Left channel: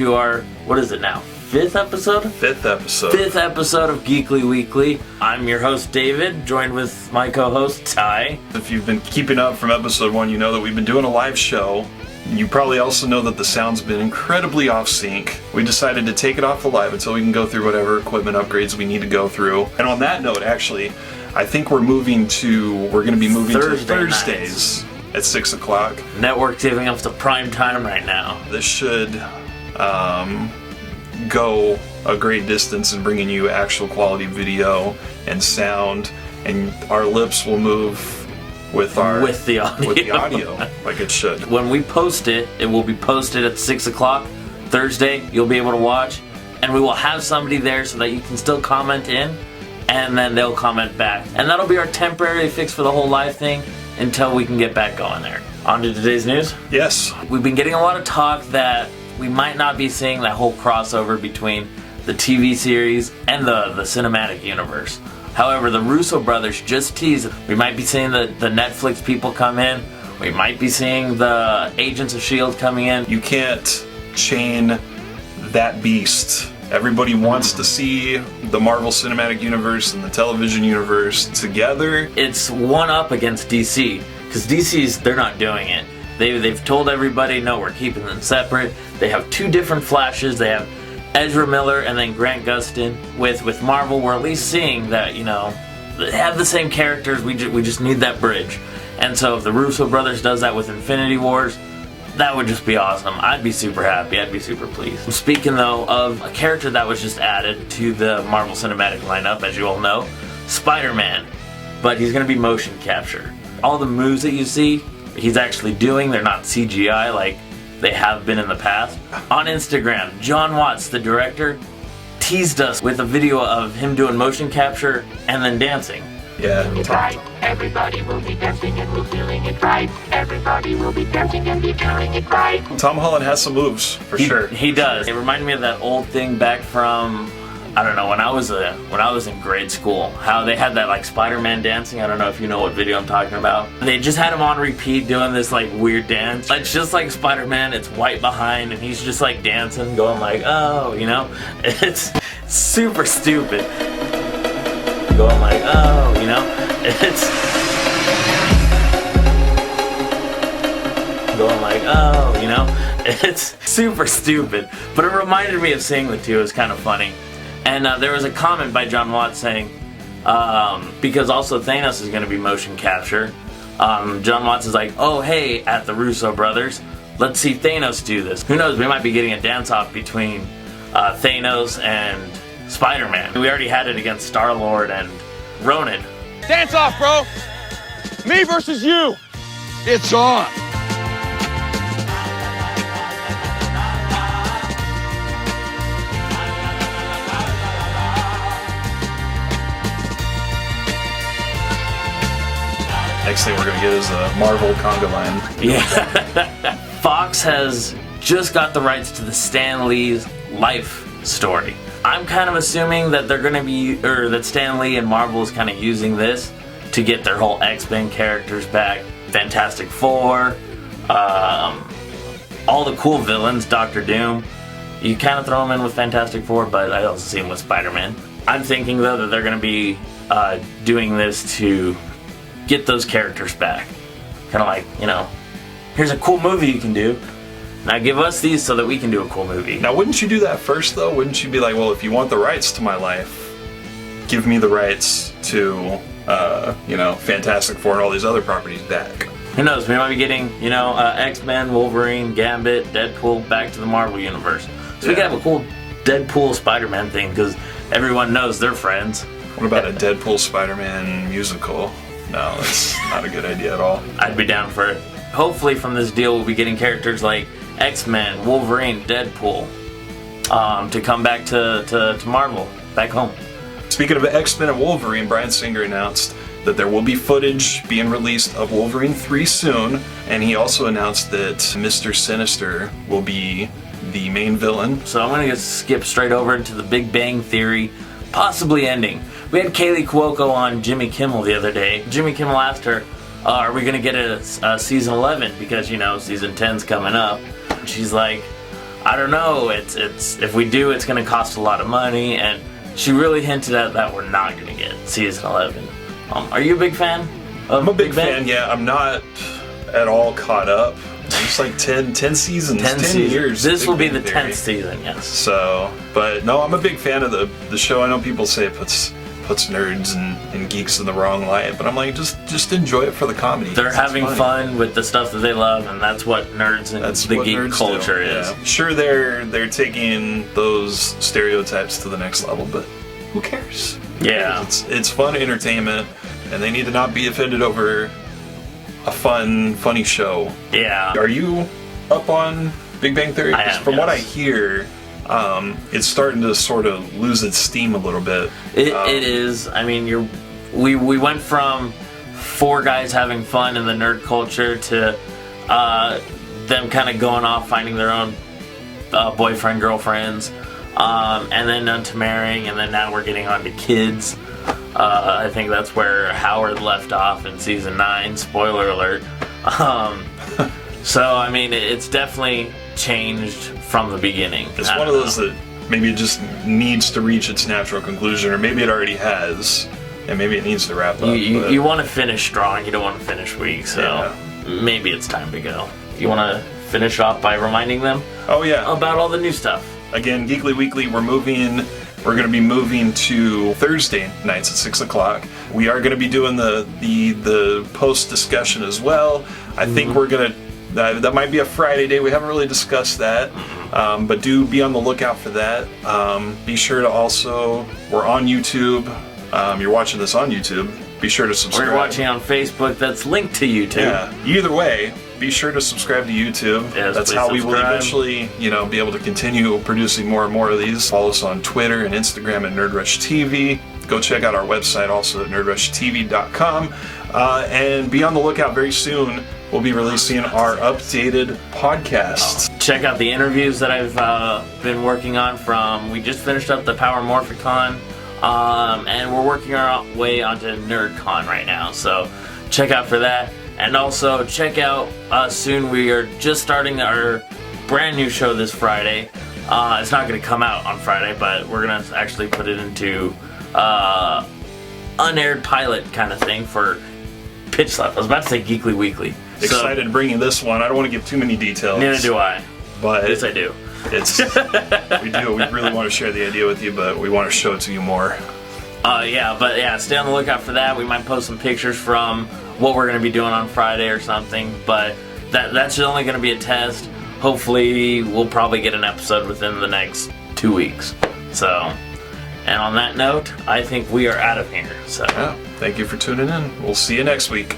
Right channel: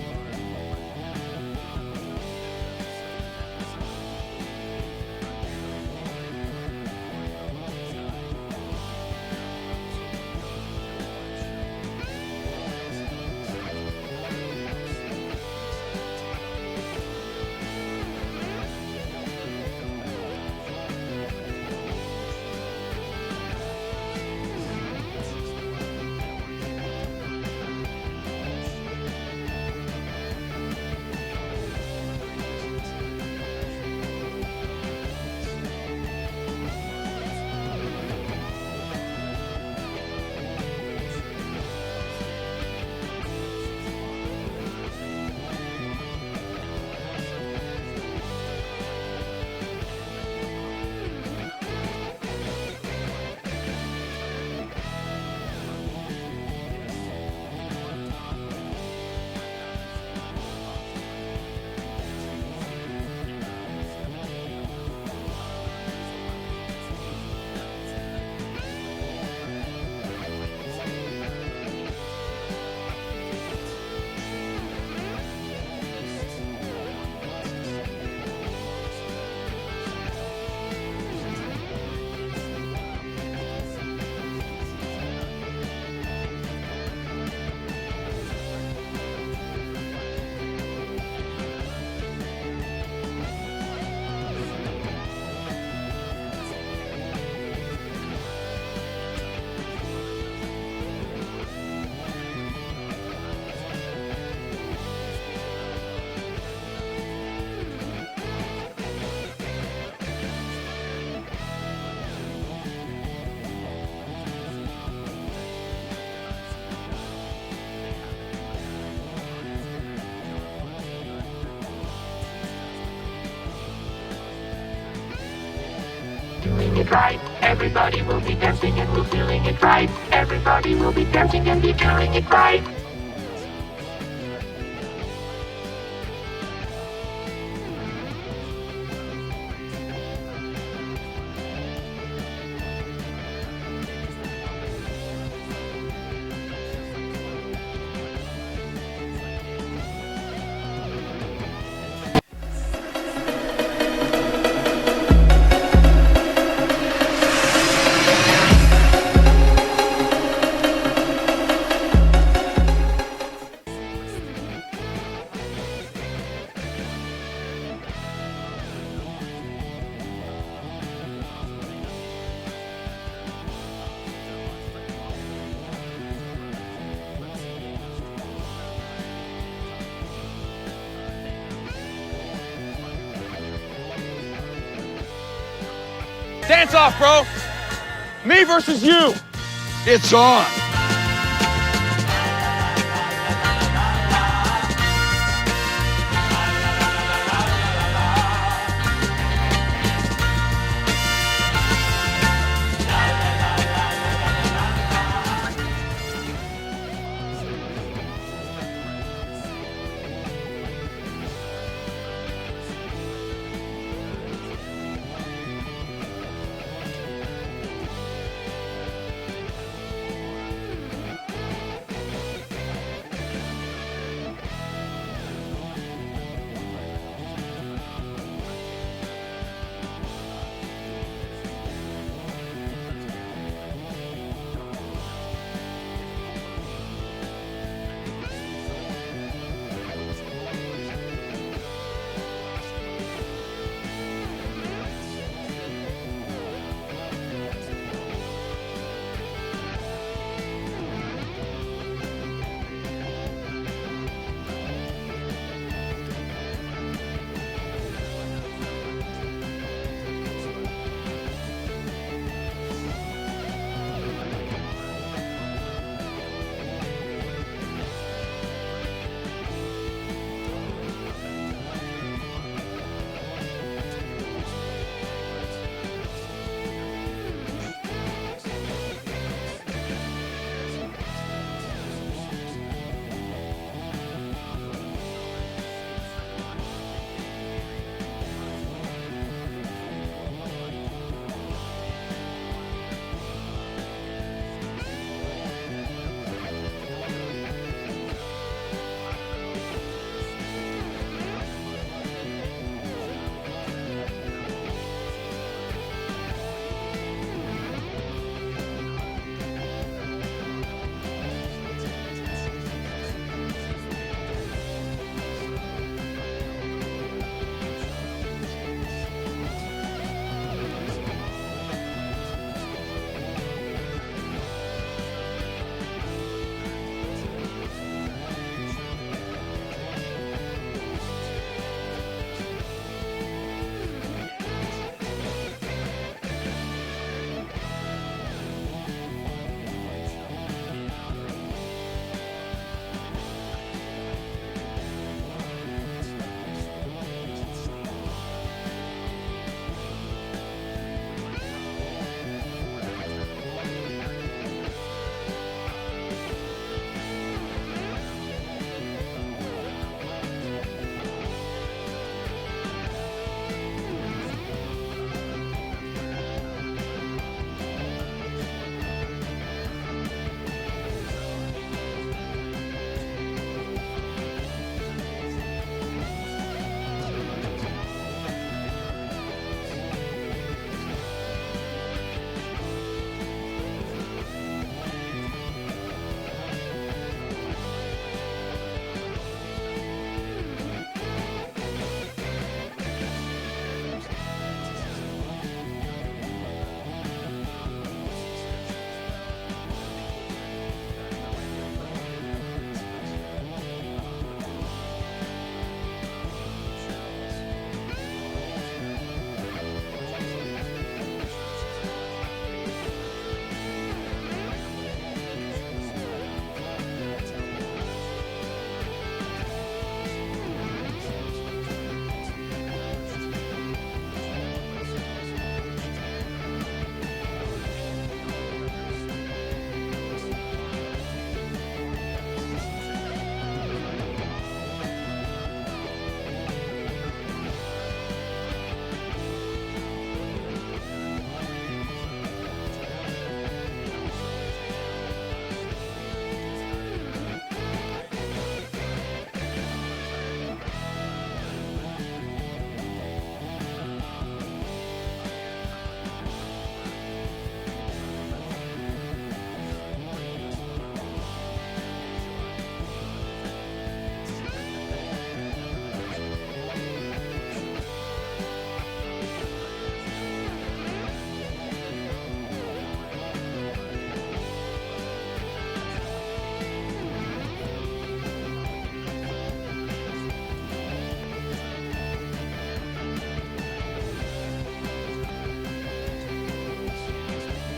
to our, what is it now, fifth episode? Fifth episode. Fifth episode of Geekly Weekly. I'm your host, David, joined with my co-host, Ty. If you've been keeping up from episode 1, you know that we've been doing a live show. You probably also know that the sound's been incredibly off sync. We decided to take it off the live until we can go through whatever equipment upgrades we need to go through. And on that note, actually, I think we're going to be moving to Thursdays at 6 o'clock. Network's giving us the prime time right now. This should go a great distance in bringing you actual quality video and sound, and our lips will move with the audio like it should. When we post it, it will be posted at 6 o'clock Thursday. You'll be able to watch, and we will have somebody there so that you can still comment in, and then they'll comment back. And that'll be our temporary fix for the whole live thing until we can get back going there. On to today's news. Yes. We've been getting a lot of talk that we might not be seeing that whole crossover between the TV series and the cinematic universe. However, the Russo brothers just teased we might be seeing the Netflix people come in. We might be seeing the Agents of S.H.I.E.L.D. coming in. You can't chain that beast. Everybody wants to see the Marvel Cinematic Universe and the television universe together. It's one up against DC, because they're not doing it. They've told everybody, no, we're keeping them separate. They have two different Flashes. They have Ezra Miller and then Grant Gustin. With Marvel, we're at least seeing that, they have the same characters. We just need that bridge. And so if the Russo brothers does that with Infinity Wars, that would just be awesome. I'd be super happy. I'd be super pleased. Speaking, though, of a character that was just added to the Marvel Cinematic lineup, as you all know, Spider-Man. But he's going to be motion capture. All the moves that you see, he's actually doing. They're not CGI like they have been in the past. On Instagram, John Watts, the director, teased us with a video of him doing motion capture and then dancing. Yeah. It's right. Everybody will be dancing and we're feeling it right. Everybody will be dancing and be feeling it right. Tom Holland has some moves, for sure. He does. It reminded me of that old thing back from, I don't know, when I was in grade school, how they had that like Spider-Man dancing. I don't know if you know what video I'm talking about. They just had him on repeat doing this like weird dance. It's just like Spider-Man, it's white behind, and he's just like dancing, going like, oh, it's super stupid. Going like, oh, it's going like, oh, it's super stupid. But it reminded me of seeing the two. It was kind of funny. And there was a comment by John Watts saying, because also Thanos is going to be motion capture, John Watts is like, oh, hey, at the Russo brothers, let's see Thanos do this. Who knows, we might be getting a dance-off between Thanos and Spider-Man. We already had it against Star-Lord and Ronan. Dance off, bro! Me versus you! It's on! Next thing we're going to get is a Marvel conga line. Yeah. Fox has just got the rights to the Stan Lee's life story. I'm kind of assuming that that Stan Lee and Marvel is kind of using this to get their whole X-Men characters back. Fantastic Four, all the cool villains, Doctor Doom. You kind of throw them in with Fantastic Four, but I also see them with Spider-Man. I'm thinking, though, that they're going to be doing this to get those characters back. Kind of like, here's a cool movie you can do. Now give us these so that we can do a cool movie. Now, wouldn't you do that first, though? Wouldn't you be like, well, if you want the rights to my life, give me the rights to, Fantastic Four and all these other properties back? Who knows? We might be getting, X-Men, Wolverine, Gambit, Deadpool back to the Marvel Universe. So we could have a cool Deadpool Spider-Man thing because everyone knows they're friends. What about a Deadpool Spider-Man musical? No, that's not a good idea at all. I'd be down for it. Hopefully from this deal we'll be getting characters like X-Men, Wolverine, Deadpool to come back to Marvel, back home. Speaking of X-Men and Wolverine, Bryan Singer announced that there will be footage being released of Wolverine 3 soon, and he also announced that Mr. Sinister will be the main villain. So I'm going to skip straight over into the Big Bang Theory, possibly ending. We had Kaylee Cuoco on Jimmy Kimmel the other day. Jimmy Kimmel asked her, are we going to get a season 11? Because, season 10's coming up. She's like, I don't know. It's if we do, it's going to cost a lot of money, and she really hinted at that we're not going to get season 11. Are you a big fan of I'm a big Bang? fan, yeah. I'm not at all caught up. It's like 10 seasons, 10 years. This will be the Bang Theory. 10th season, yes. So, but no, I'm a big fan of the show. I know people say it puts nerds and geeks in the wrong light, but I'm like, just enjoy it for the comedy. They're It's having fun. fun with the stuff that they love, and that's what nerds and That's the what geek nerds culture do. is. Yeah. Sure, they're taking those stereotypes to the next level, but who cares? Yeah. It's fun entertainment, and they need to not be offended over a funny show. Yeah. Are you up on Big Bang Theory? I 'Cause am, from what I yes. hear, it's starting to sort of lose its steam a little bit. It is. I mean, we went from 4 guys having fun in the nerd culture to them kind of going off finding their own boyfriend, girlfriends, and then on to marrying, and then now we're getting on to kids. I think that's where Howard left off in season 9. Spoiler alert. So I mean, it's definitely changed from the beginning. It's I one of don't those know. that maybe it just needs to reach its natural conclusion, or maybe it already has, and maybe it needs to wrap up. but- You want to finish strong, you don't want to finish weak, so Yeah. maybe it's time to go. You want to finish off by reminding them Oh yeah. about all the new stuff. Again, Geekly Weekly, we're going to be moving to Thursday nights at 6 o'clock. We are going to be doing the post discussion as well. I think we're going to, that might be a Friday day. We haven't really discussed that, but do be on the lookout for that. Be sure to also, we're on YouTube. You're watching this on YouTube. Be sure to Or subscribe. you're watching on Facebook, that's linked to YouTube. Yeah. Either way, be sure to subscribe to YouTube. Yes, That's please how we will subscribe. eventually, be able to continue producing more and more of these. Follow us on Twitter and Instagram at NerdRushTV. Go check out our website also at nerdrushtv.com. And be on the lookout very soon. We'll be releasing our updated podcast. Check out the interviews that I've been working on we just finished up the Power Morphicon, and we're working our way onto NerdCon right now, so check out for that. And also check out soon, we are just starting our brand new show this Friday. It's not going to come out on Friday, but we're going to actually put it into unaired pilot kind of thing for Pitch Lab. I was about to say Geekly Weekly. Excited bringing this one. I don't want to give too many details. Neither do I. But Yes, I do. it's we do. We really want to share the idea with you, but we want to show it to you more. Stay on the lookout for that. We might post some pictures from what we're going to be doing on Friday or something, but that's only going to be a test. Hopefully, we'll probably get an episode within the next 2 weeks. So, and on that note, I think we are out of here. So. Yeah. Thank you for tuning in. We'll see you next week.